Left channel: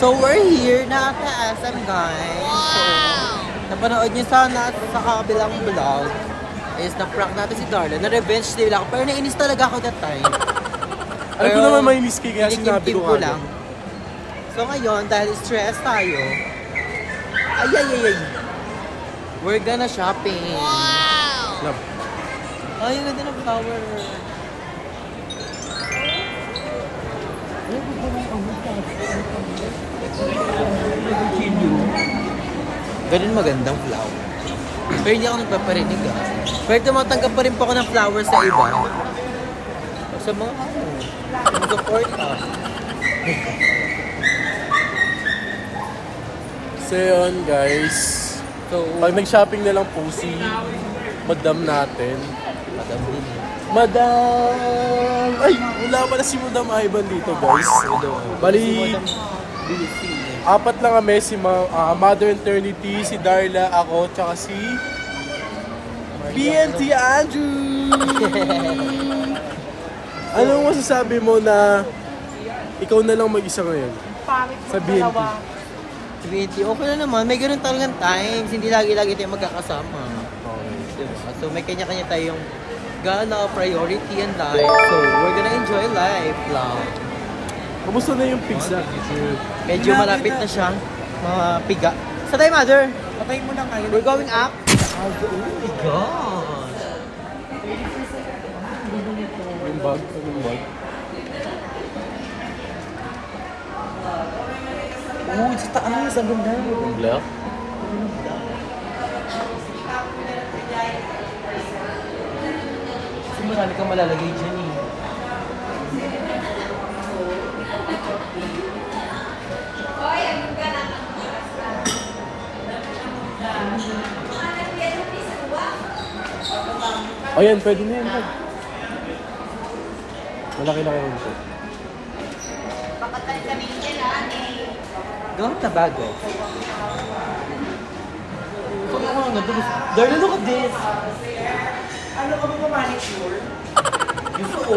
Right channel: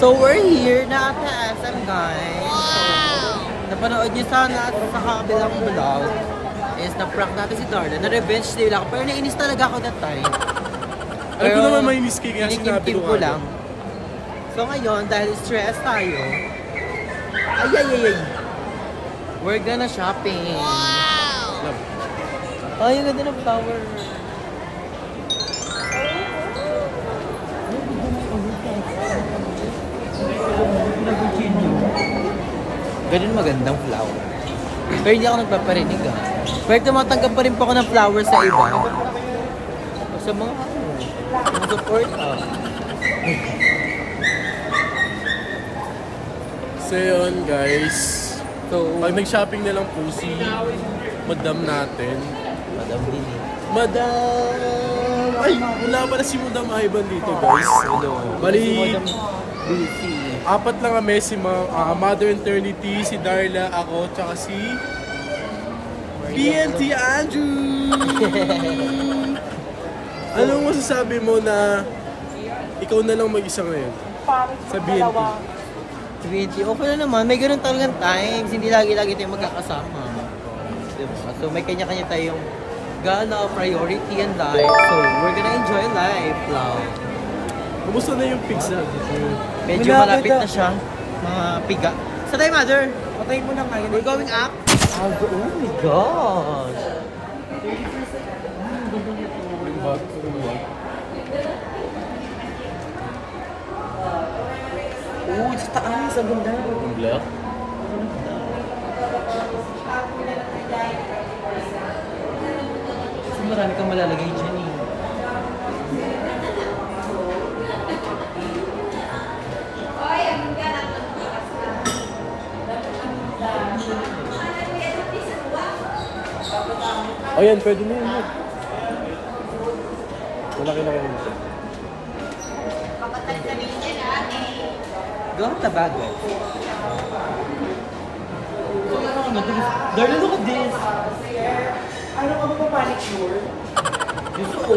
So we're here na sa SM, guys. Wow! So, napanood niyo sana sa kabilang vlog is na-prank natin si Darla. Na-revenge nila ako. Pero nainis talaga ako that time. Pero naman mainis kayo kaya sinabi ko lang. So ngayon, dahil stress tayo, ay. We're gonna shopping. Wow! Ay, ang ganda ng flower. Ganun magandang flower. Pero hindi ako nagpaparinig Pero tumatanggap pa rin po ako ng flowers sa iba. Sa mga support So yun guys. So, pag nag-shopping na lang po si Madam natin. Madam! Ay, wala pala si Madam Ivan dito guys. Bali, apat lang kami, si Mother Eternity, si Darla, ako, tsaka si PNT Andrew! Anong masasabi mo na ikaw na lang mag-isa ngayon sa BNT? Okay na naman, may ganun talagang times, hindi lagi-lagi tayo magkakasama. Diba? So may kanya-kanya tayong gana priority in life. So we're gonna enjoy life lang. Kumusta na yung pizza? Medyo malapit na siya. Mga piga. Sa tayo, Mother? Patayin mo na ngayon. We're going up. Oh my gosh. Oh, sa taas. Ang ganda. Black? Kasi marami kang malalagay dyan eh. Ayan, pwede na yan. Wala kinakain nito. Gawin na bagay. Darla, look at this! Ano ka ba manicure? Gusto ko.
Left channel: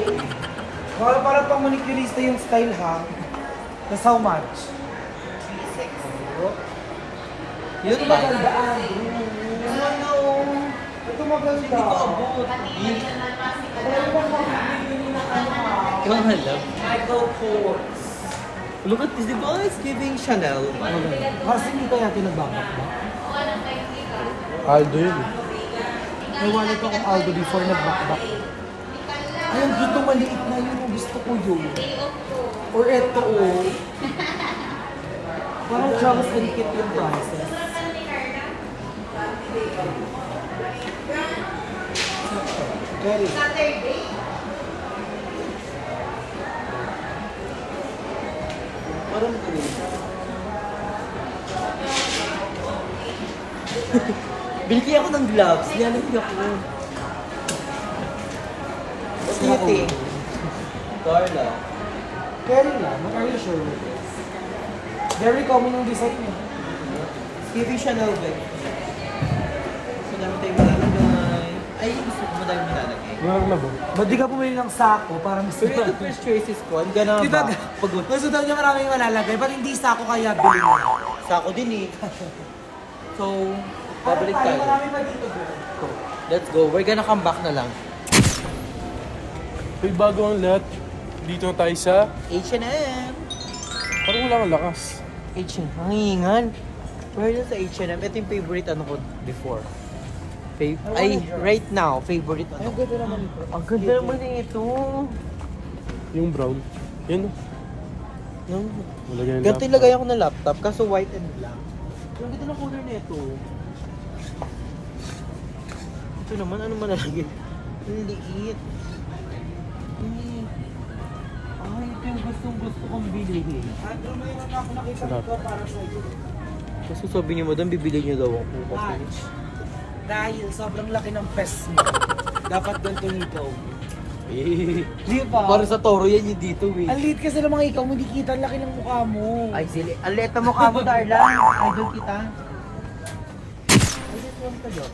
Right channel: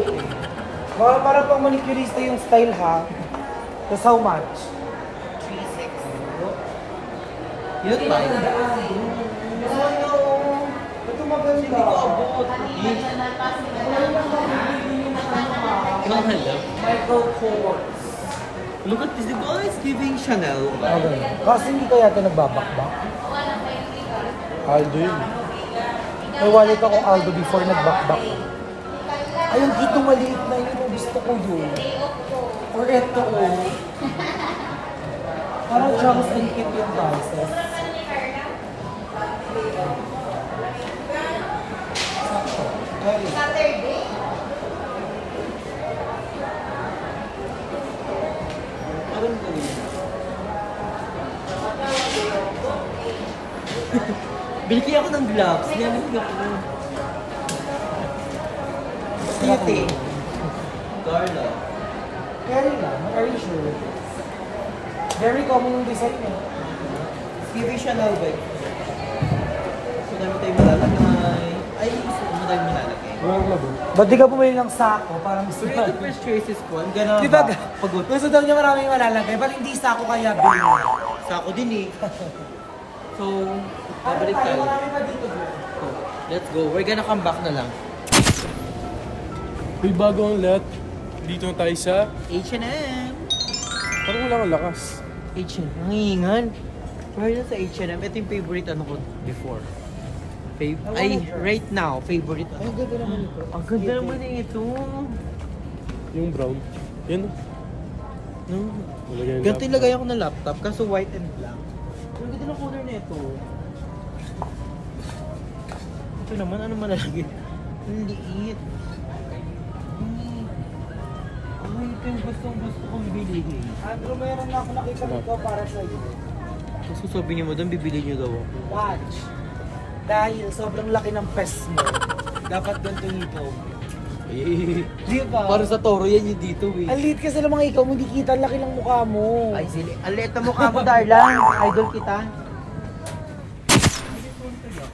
Para pang manicurista yung style ha. That's how much? You look fine. Hindi ko abot. Look at this, diba? It's giving Chanel. Kasi hindi ko yata nagbabakbak. Aldo yun. May wallet ako Aldo before nagbakbak. Ay, dito maliit lang yun. Gusto ko yun. Or eto oh. Parang Travis and Kit yung prices. Saturday? Parang ko yun. Bili ako ng gloves. Nilalagay ako. Puti. Carla. Carry lang. Are you sure with this? Very common yung design eh. Giving Chanel bag. So, dami tayo malalagay. Ay, gusto ko madami malalagay. Ba't di ka bumili ng sako para mas Pero ito first choices ko, ang gana diba, ba? Pagod. gusto daw niya maraming malalagay, ba't hindi sako kaya bilhin mo? Sako din eh. So, Ano babalik tayo? tayo. Marami pa dito bro. Let's go. We're gonna come back na lang. Uy, bagong let. Dito tayo sa H&M. parang wala kang lakas. H&M. Ang hingan. Pero yun sa H&M, ito yung favorite ano ko before. Ay, right now, favorite ano. Ang ganda naman ito. Ang ganda naman ito. Yung brown. Yun. Nalagay na. Ganito ilagay ako ng laptop, kaso white and black. Ang ganda ng color na ito. Ito Ito naman, ano malalagay? Ang liit. Ay, ito yung gustong-gusto kong bilhin. Pero meron na ako nakita dito para sa iyo. Kasi sabi niyo, madam, bibili niyo daw ako. Watch. Dahil sobrang laki ng pes mo, dapat ganito ikaw. Di ba? Para sa toro yan yung dito eh. Ang liit kasi ng mga ikaw, hindi kita, ang laki ng mukha mo. Ay, sili. Ang liit na mukha mo, Darla. Idol kita. Ay, this one ka dyan.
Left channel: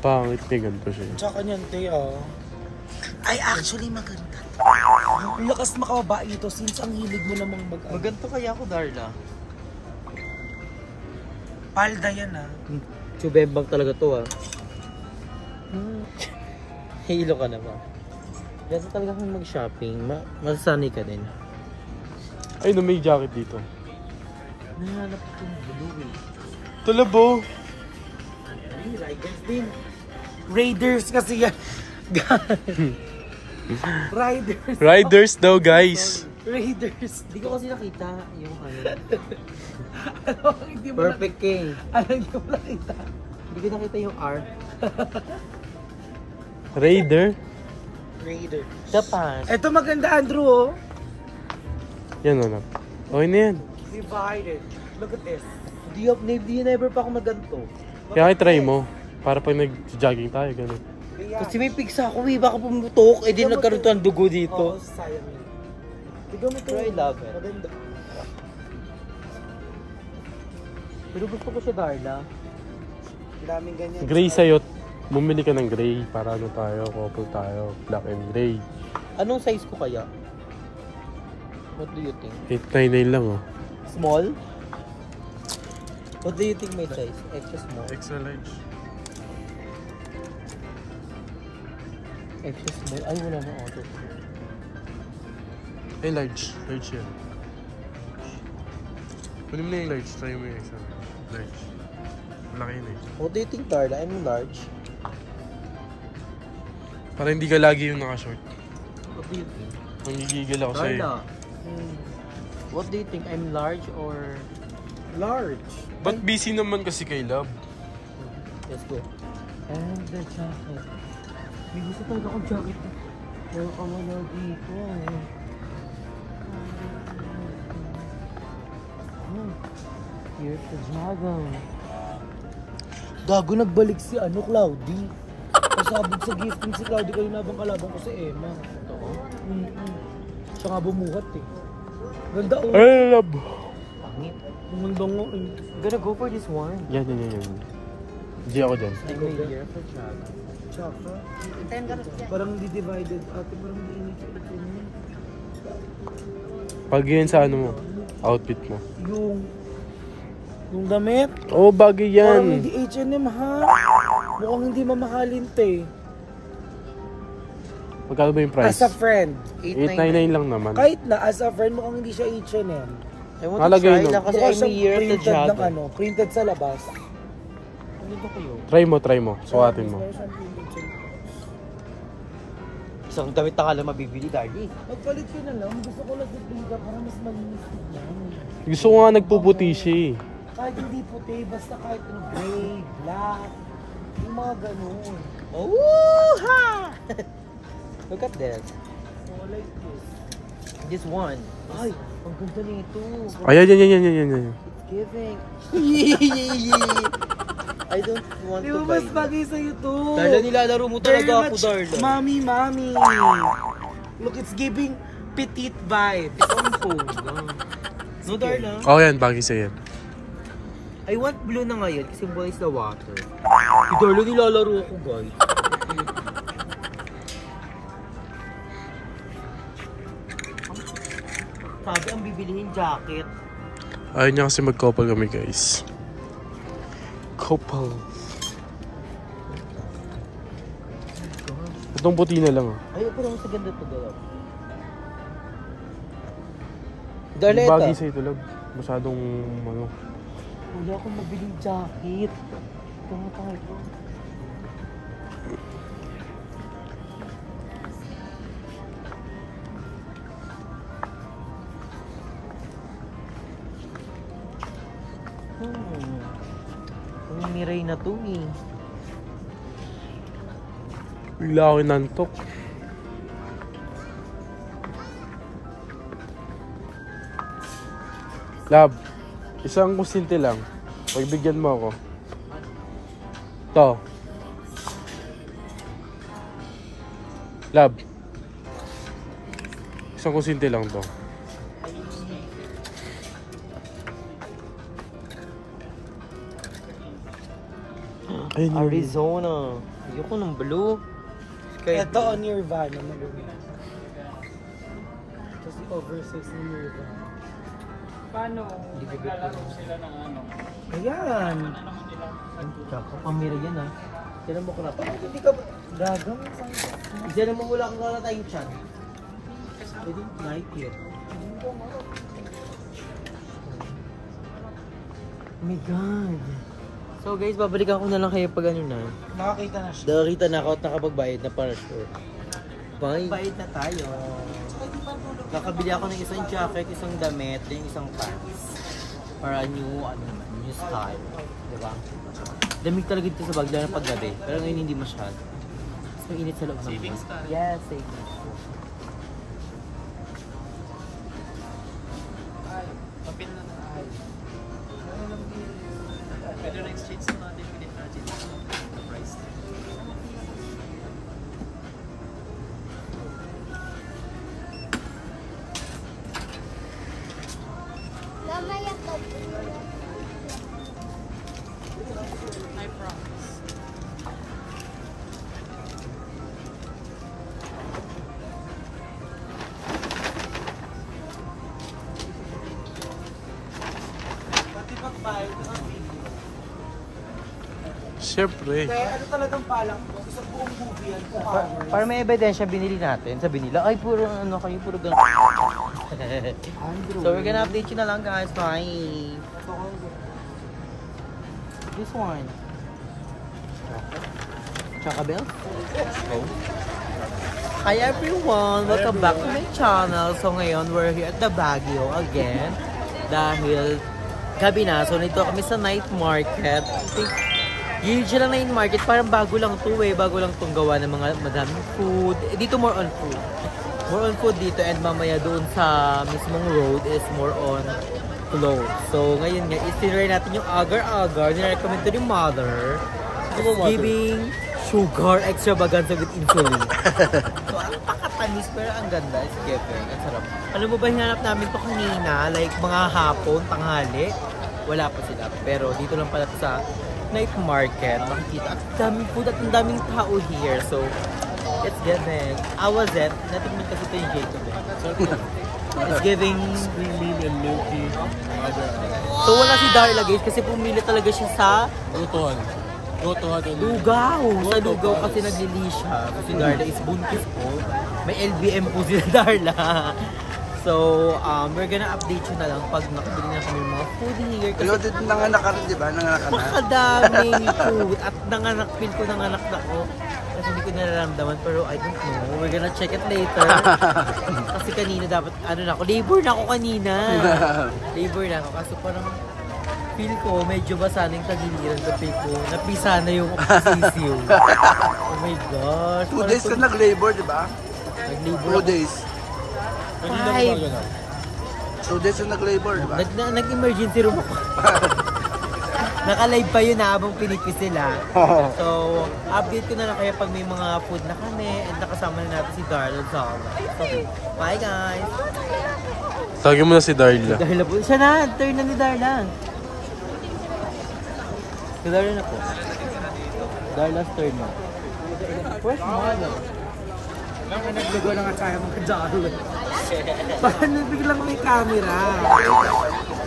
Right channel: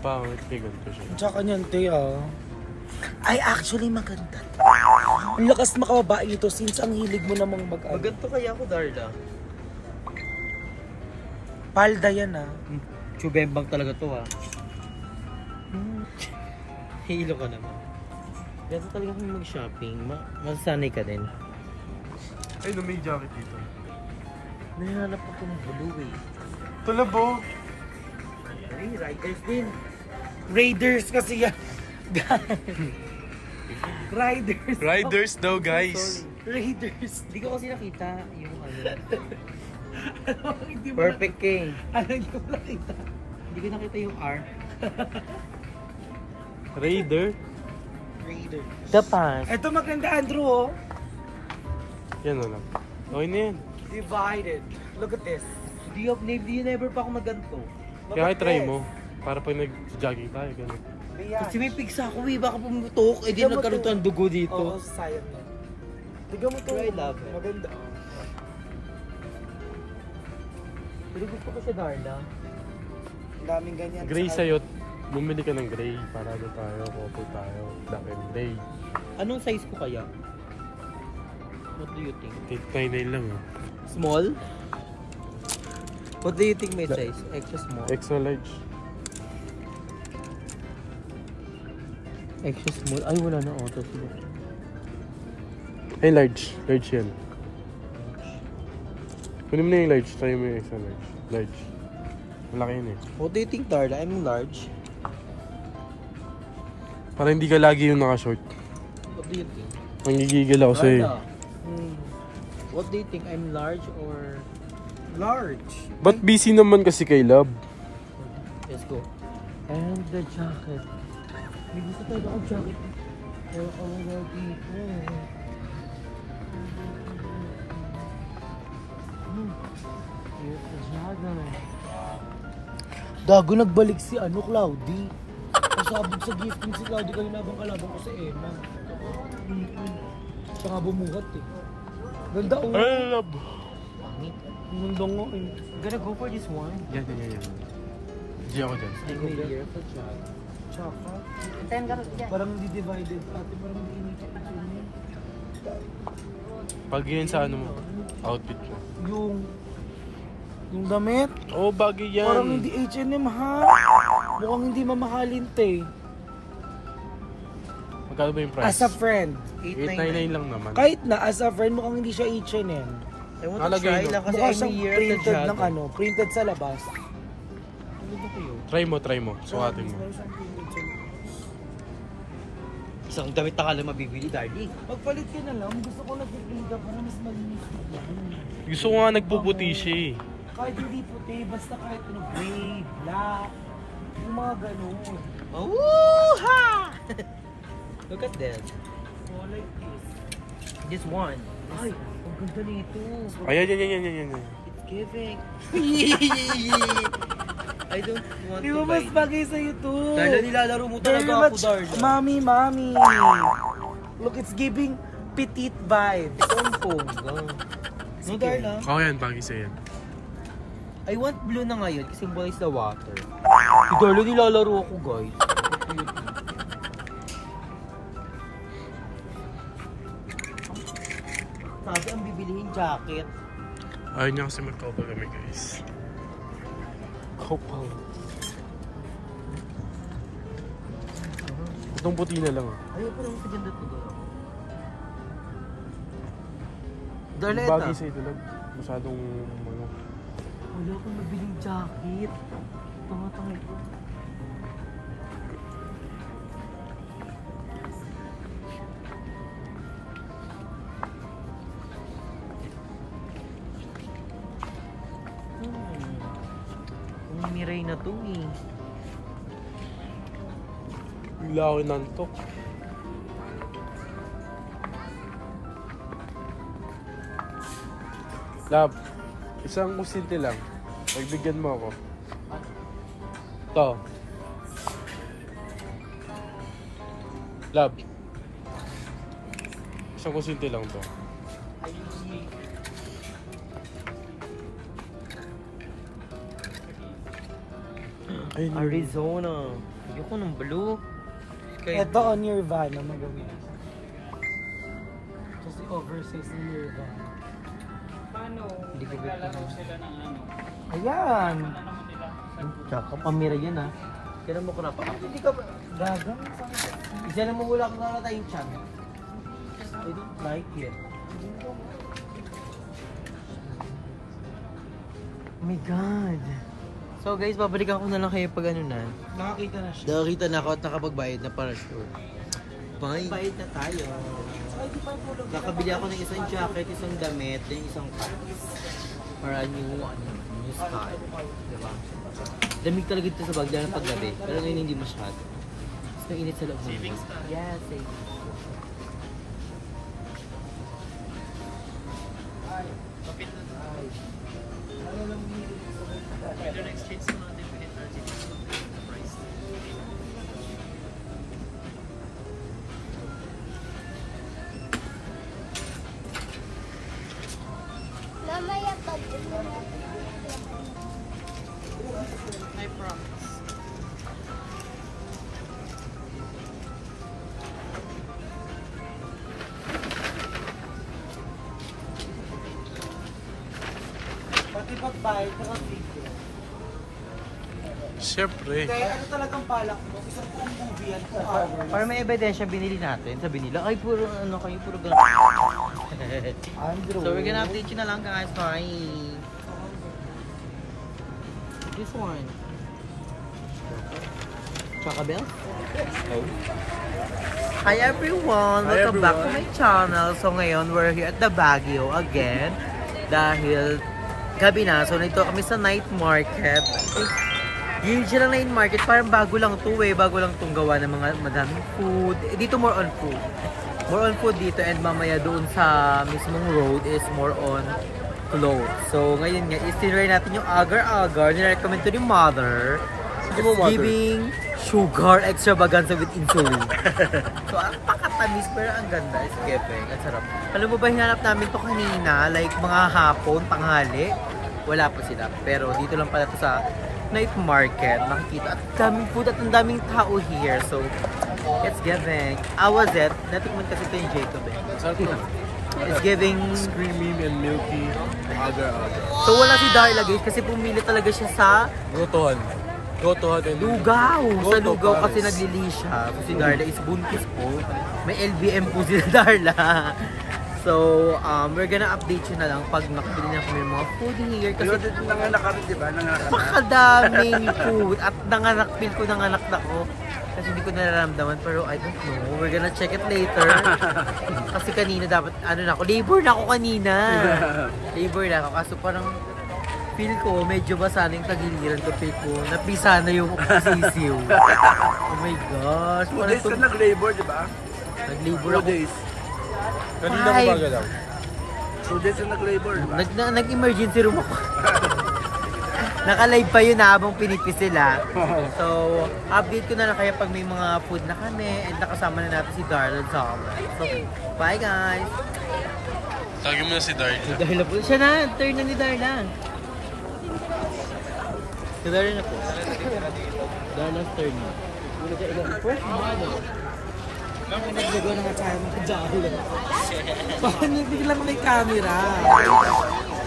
Pangit niya ganito siya. Tsaka niyan, te, Ay, actually maganda. Ang lakas makababae nito since ang hilig mo namang Maganto kaya ako, Darla. Palda yan, Chubembang talaga to, Hilo ka naman. Ganito talaga kung mag-shopping. Masasanay ka din. Ay, no, may jacket dito. Nahanap akong blue eh. Talabo! Ay, Riders din. Raiders kasi yan. Riders. Riders daw, guys. Raiders. Hindi ko kasi nakita yung ano. Hindi mo Perfect King. Hindi ko nakita. Hindi ko nakita yung R. Raider? Raiders. The Pass. Ito maganda, Andrew, Yan, ano. Okay na yan. Divided. Look at this. Di never pa ako maganto. Kaya try mo. Para pag nag-jogging tayo, gano'n. Kasi may pigsa ako eh. Baka pumutok. Eh di nagkaroon to ng dugo dito. Oo, sayang. Tignan mo ito. Pero I love it. Maganda. Pero gusto ko siya, Darla. Daming ganyan. Gray sa'yo. Bumili ka ng gray. Para ano tayo, couple tayo. Black and gray. Anong size ko kaya? What do you think? 899 lang, oh. Small? What do you think my size? Extra small? Extra large. Extra small? Ay, wala na auto. Ay, large. Large yan. Kunin mo na yung large. Try mo yung extra large. Large. Malaki yun, eh. What do you think, Darla? I'm large. Para hindi ka lagi yung naka-short. What do you think? Nangigigil ako sa'yo. Darla, what do you think? I'm large or... Large. Ba't busy naman kasi kay Love? Let's go. And the jacket. May gusto talaga akong jacket. Pero wala dito eh. Here's the jacket. Gago, nagbalik si Cloudy. Pasabog sa gifting si Cloudy kayo nabang kalaban ko sa Emma. Siya nga bumuhat eh. Ganda oh. Ay, Love! Ganda nga eh. Gonna go for this one. Yan. Hindi ako dyan. I made it there for jacket. Tsaka. Parang hindi divided. Ate, parang hindi initin mo. Pag yan sa ano mo, outfit mo. Yung damit. Oo, bagay Parang yan. hindi H&M ha. Mukhang hindi mamahalin te. Magkano ba yung price? As a friend. 899 lang naman. Kahit na as a friend, mukhang hindi siya H&M. I want to Nalagay try no? lang kasi Mukha I'm siyang here at the printed ng jacket. printed sa labas. Ano ba kayo? Try mo. Sukatin mo. Meron siyang printed sa labas. Isang damit na kala mabibili, Darly. Magpalit ka na lang. Gusto ko nag-play ka para mas malinis tignan. Gusto ko nga nagpuputi siya eh. Kahit hindi puti, basta kahit ano, gray, black, yung mga ganun. Oh, ha! Look at that. So like this. This one. Ay, ang ganda nito. Ayan, yan. It's giving. I don't want Di to ba buy mas it. bagay sa'yo to? Darla, nilalaro mo Very talaga ako, much, Darla. Mami. Look, it's giving petite vibes. Ito ang pongga. No, Darla? Oo yan, bagay sa'yo yan. I want blue na ngayon kasi symbolize the water. Si Darla, nilalaro ako, guys. Sabi ang bibilihin jacket. Ayaw niya kasi mag-couple kami guys. Couple. Itong puti na lang oh. Ay, pero sa ganda to, Darla. Darla, Bagay ito. sa ito lang. Masyadong mga... Wala akong mabiling jacket. Ito nga tayo. Miray na to eh. Bigla ako inantok. Lab, isang kusinte lang. Pagbigyan mo ako. To. Lab. Isang kusinte lang to. Arizona. Ayoko ng blue. Ito on your van. Kasi oversize na your van. Paano? Hindi ko bet lalaro sila ng ano? Ayan. Tsaka pamira yan ha. Kailan mo ko na pa? Hindi ka ba? Gago. Kailan mo wala kang na tayong chan? I don't like it. Oh my God. So guys, babalikan ko na lang kayo pag ano na. Nakakita na siya. Nakakita na ako at nakapagbayad na para sure. Bye. Bayad na tayo. Nakabili ako ng isang jacket, isang damit, yung isang pants. Para new style. Diba? Lamig talaga dito sa bag, lalo na paggabi. Pero ngayon hindi masyado. Mas mainit sa loob ng bag. Yeah, savings. Siyempre. Ano talagang palak mo? Isang buong movie yan. Para may ebidensya binili natin, sabi nila, ay puro ano kayo, puro ganun. Andrew. So we're gonna update you na lang guys. Bye. This one. Choco Bell? Oh. Hi everyone! Welcome back to my channel. So ngayon, we're here at the Baguio again. Dahil gabi na. So nito kami sa night market. Yung siya lang night market, parang bago lang to eh. Bago lang itong gawa ng mga madaming food. Dito more on food. More on food dito, and mamaya doon sa mismong road is more on clothes. So ngayon nga, itinry natin yung agar-agar. Nirecommend to ni mother. It's giving sugar extravaganza with insulin. So ang pakatamis pero ang ganda. It's giving. Ang sarap. Alam mo ba, hinanap namin to kanina, like mga hapon, tanghali. Wala pa sila. Pero dito lang pala to sa night market. Makikita. At daming food at ang daming tao here. So it's giving. How was it? Natikman kasi ito yung Jacob eh. It's giving Creamy and milky. Agar-agar. So wala si Darla guys kasi pumili talaga siya sa Gotohan. Gotohan and Lugaw. Sa Lugaw kasi naglili siya. Si Darla is buntis po. May LBM po si Darla. So, we're gonna update you na lang pag nakabili na kami ng mga food here. Kasi nanganak ka rin, di ba? Nanganak ka na. pakadaming food. At feel ko nanganak na ko. Kasi hindi ko nararamdaman, pero I don't know. We're gonna check it later. Kasi kanina dapat, ano na ako, labor na ako kanina. Labor na ako, kaso parang feel ko, medyo basa na yung tagiliran ko, feel ko, napisa na yung sisiw. Oh my gosh. 2 days ka nag-labor, di ba? Nag-labor 2 ako. days. 2 days ka nag-labor, di ba? Nag-emergency room ako. Naka-live pa yun habang pinipis sila. So, update ko na lang kaya pag may mga food na kami and nakasama na natin si Darla Zala. So, bye guys! Tagin mo na si Darla. Darla po. Siya na, turn na ni Darla. Si Darla na po. Darla's turn na. First model. Ang naglagaw ng atsaya mga Darla. Paano biglang may camera?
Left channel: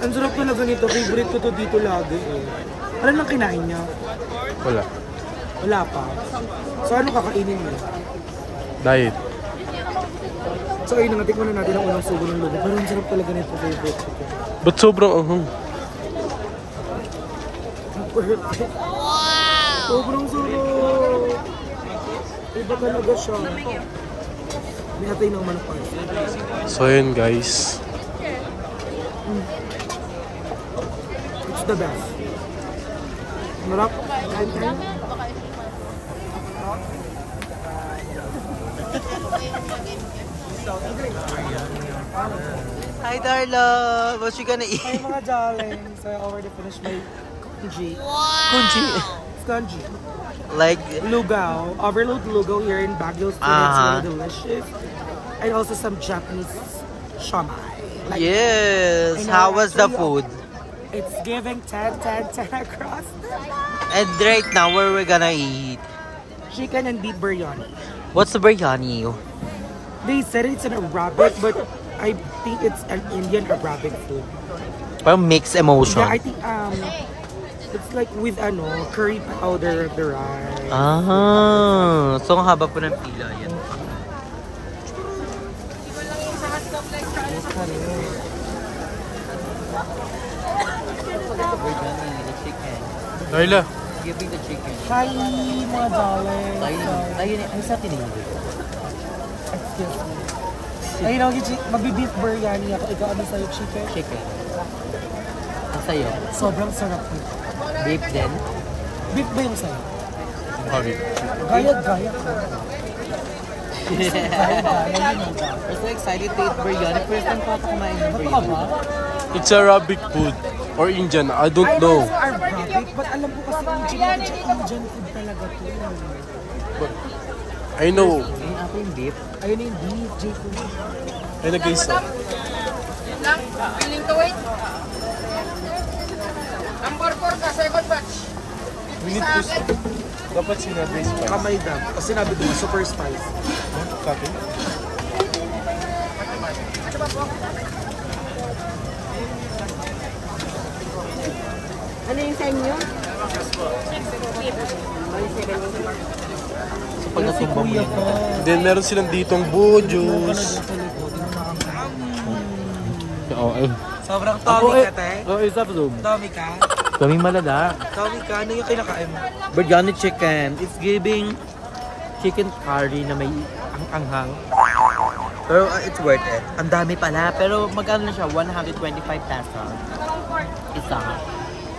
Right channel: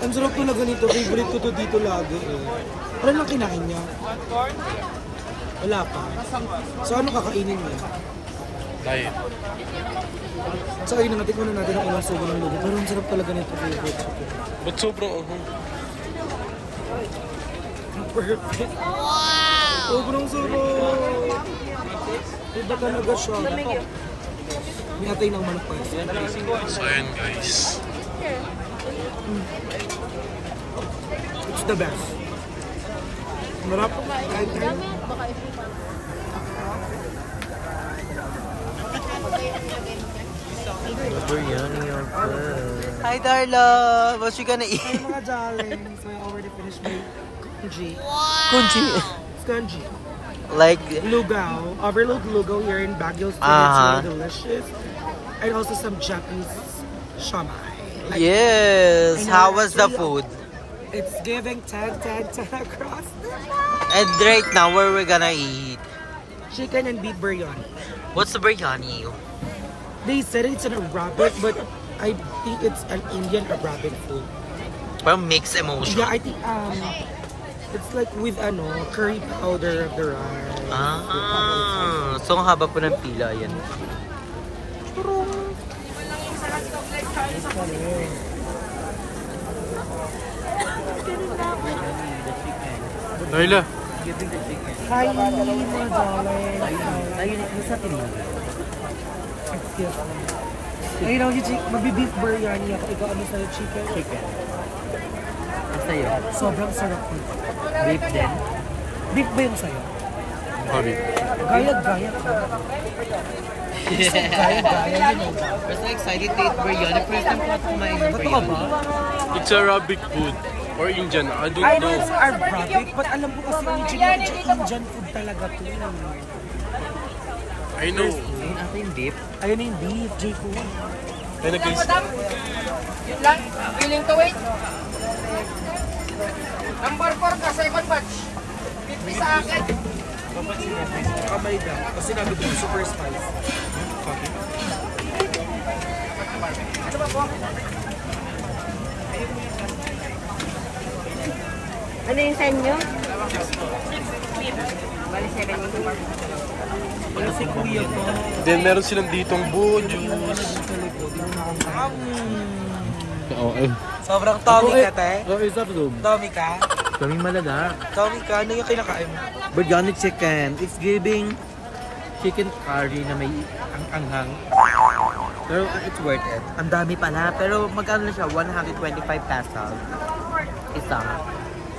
Ang sarap talaga nito. Favorite ko to dito lagi eh. Ano lang kinain niya? Wala. Wala pa. So ano kakainin mo? Diet. So ayun, natikman na natin ang unang sugo ng lugo. Pero ang sarap talaga nito. Favorite ko to. Ba't sobrang Perfect. Wow! Sobrang sarap! Iba talaga siya. May atay ng manok pa. So yun guys. It's the best. Marap. Kain tayo. Hi Darla! What you gonna eat? Hi mga darling. So I already finished my kunji. Kunchi. Spongy. Like, Lugaw. Overload lugaw here in Baguio. It's really delicious. And also some Japanese shama. Like, yes. How was the food? It's giving 10 across. And right now, where we're gonna eat? Chicken and beef biryani. What's the biryani? They said it's an Arabic, but I think it's an Indian Arabic food. Or mixed emotion? Yeah, I think it's like with curry powder of the rice. Ah, so ang haba po ng pila yan. Darla. Giving the chicken. Hi, mga darling. Ayun, ay sa tinuli. Ayun ako, magbi-beef biryani ako. Ikaw, ano sa'yo, chicken? Chicken. Ang sayo? Sobrang sarap nito. Beef din? Beef ba yung sa'yo? Sorry. Gaya-gaya ka. Gaya-gaya, you know that. We're so excited to eat biryani. First time ko ata kumain ng Totoo biryani. ba? It's Arabic food. Or Indian. I don't I know know. it's Arabic, but alam ko kasi originated siya Indian food talaga to. I know. Ayun ata yung beef. Ayun na yung beef, J-food. Kaya na guys. Yun lang, willing to wait. Number 4 ka, second batch. 50 sa akin. Dapat sinabi sa Kamay dan. Kasi nabi ko, super spice. fucking. Ano yung time nyo? Bali 7 yung Kasi kuya pa. Then meron silang ditong buo juice. Sobrang Tommy ka, te. Oh, isa pa Tommy ka? Kami malala. Tommy ka? Ano yung kinakain mo? Biryani chicken. It's giving chicken curry na may anghang. Pero it's worth it. Ang dami pala. Pero magkano na siya? 125 pesos. Isa.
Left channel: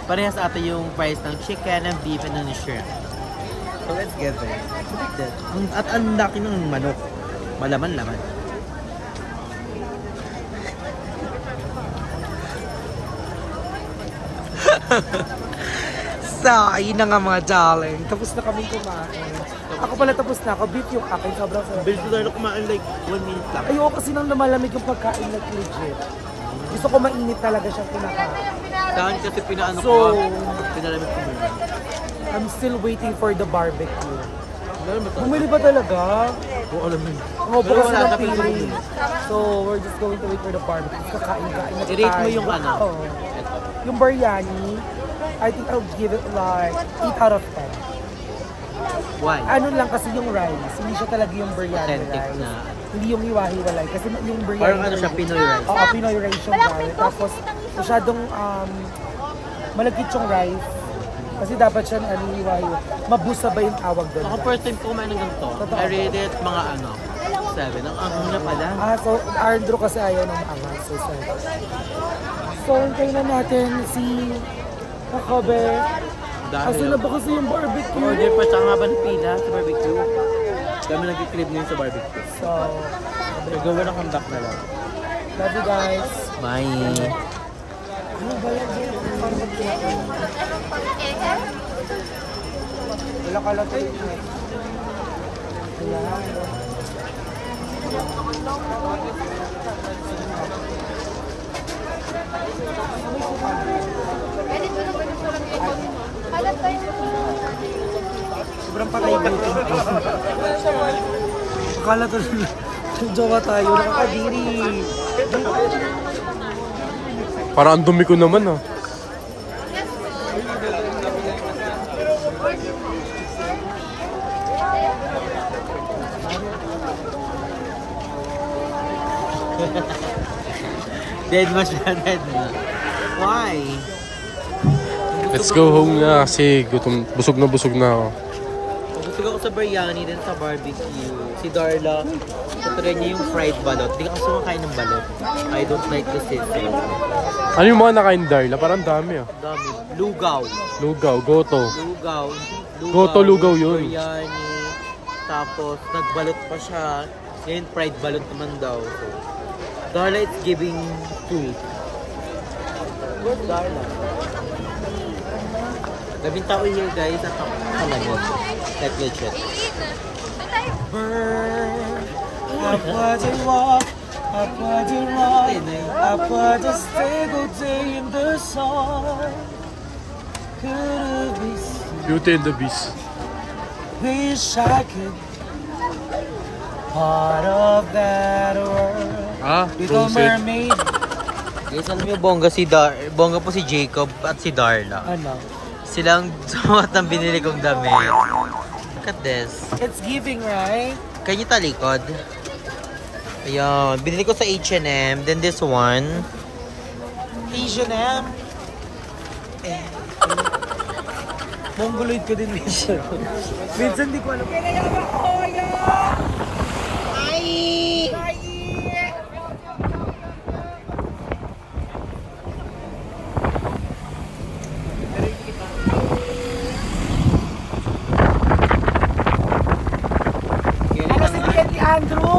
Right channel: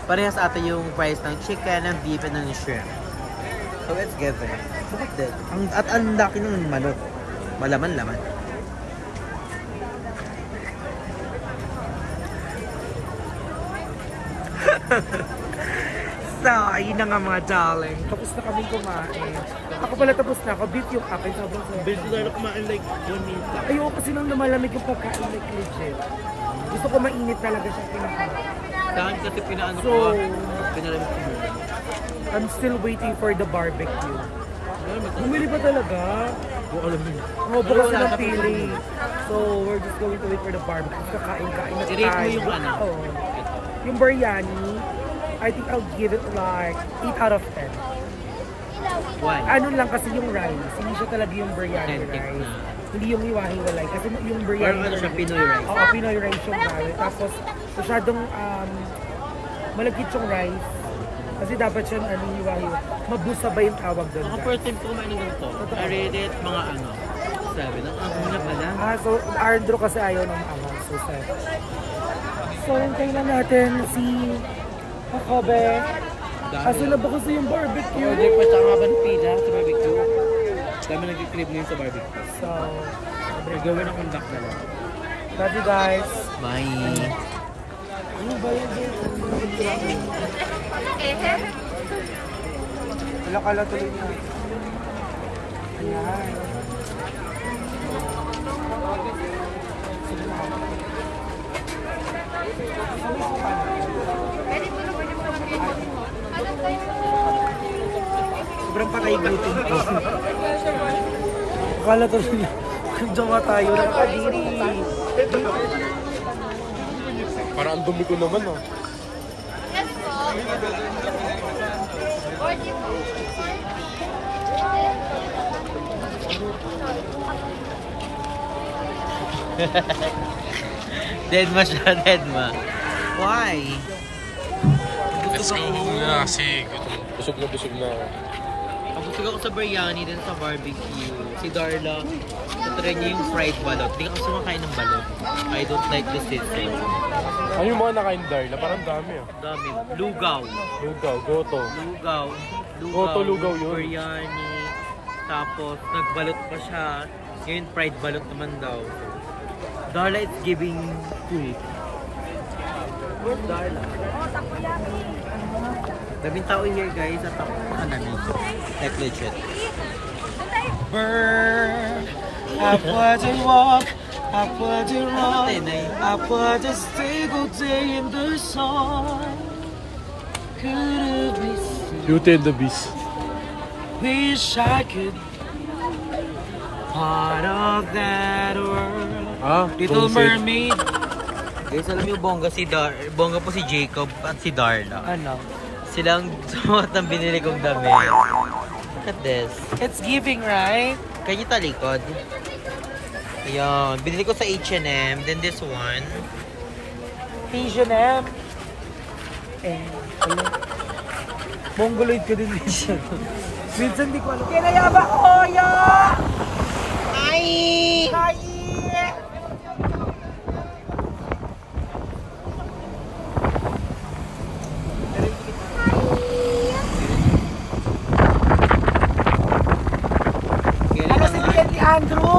Parehas ata yung price ng chicken, ng beef, and ng shrimp. So it's giving. Look at that. At ang laki ng manok. Malaman-laman. So, ayun na nga mga darling. Tapos na kami kumain. Ako pala tapos na ako. Beef yung akin. Sobrang sarap. Basically, dahil kumain like 1 minute lang. Ayoko kasi nang lumalamig yung pagkain like legit. Gusto ko mainit talaga siyang kinakain. Saan kasi pinaano So, ko? Pinalamig ko muna. I'm still waiting for the barbecue. Bumili ba talaga? Kung alam yun. Oo, po kasi ng feeling. So, we're just going to wait for the barbecue. Kakain-kain na tayo. I-rate mo yung ano? Wow. Yung biryani, I think I'll give it like 8 out of 10. Why? Ano lang kasi yung rice, hindi siya talaga yung biryani Authentic rice. na. Hindi yung hiwa-hiwalay. Kasi yung biryani Or ano siya, Pinoy rice? Oo, Pinoy rice yung rice. Tapos, masyadong malagkit yung rice. Kasi dapat siya hiwa-hiwa. Mabusa ba yung tawag doon? Ako guys? first time ko kumain ng ganito. Totoo I ba? rate it mga 7. Ang anghang na pala. So, Andrew kasi ayaw ng maangang. So, 7. So, hintayin na natin si Jacobe. Aso na ba kasi yung barbecue? Order pa siya nga ba ng pila sa barbecue? Dami nag-crib ngayon sa barbecue. So, Gawin ang conduct na lang. love you guys. Bye! Ano ba yan? Parang magkiraon. Wala ka lang tuloy na. Ayan. May suka. Sobrang patay gutom ko. Akala tuloy na. Jowa tayo. Nakakadiri. Parang ang dumi ko naman ah. Deadma siya, Deadma. Why? Let's go home na kasi busog na ako. Pagusog ako sa biryani din sa barbecue. Si Darla, tatry niya yung fried balot. Hindi ka kasi kumakain ng balot. I don't like the sizzle. Ano yung mga nakain Darla? Parang dami ah. Dami. Lugaw. Lugaw, goto. Lugaw. Goto, lugaw yun. Biryani. Tapos, nagbalot pa siya. Ngayon, fried balot naman daw. So, Darla is giving food. Good, Darla. Daming tao here, guys. At ako namin. Like legit. Burn. I put a walk. I put a run. I put a single day in the sun. Could it be seen? Beauty and the Beast. Wish I could. Part of that world. Ah, Little Frozen. Mermaid. Guys, alam niyo, bongga po si Jacob at si Darla. Ano? Silang sumat ng binili kong damit. Look at this. It's giving, right? Kanya talikod. Ayan. Binili ko sa H&M. Then this one. H&M. Mongoloid ka din, Misha. Minsan di ko alam. Kaya ba? Oya! Hi! Hi! Ano si ni Andrew?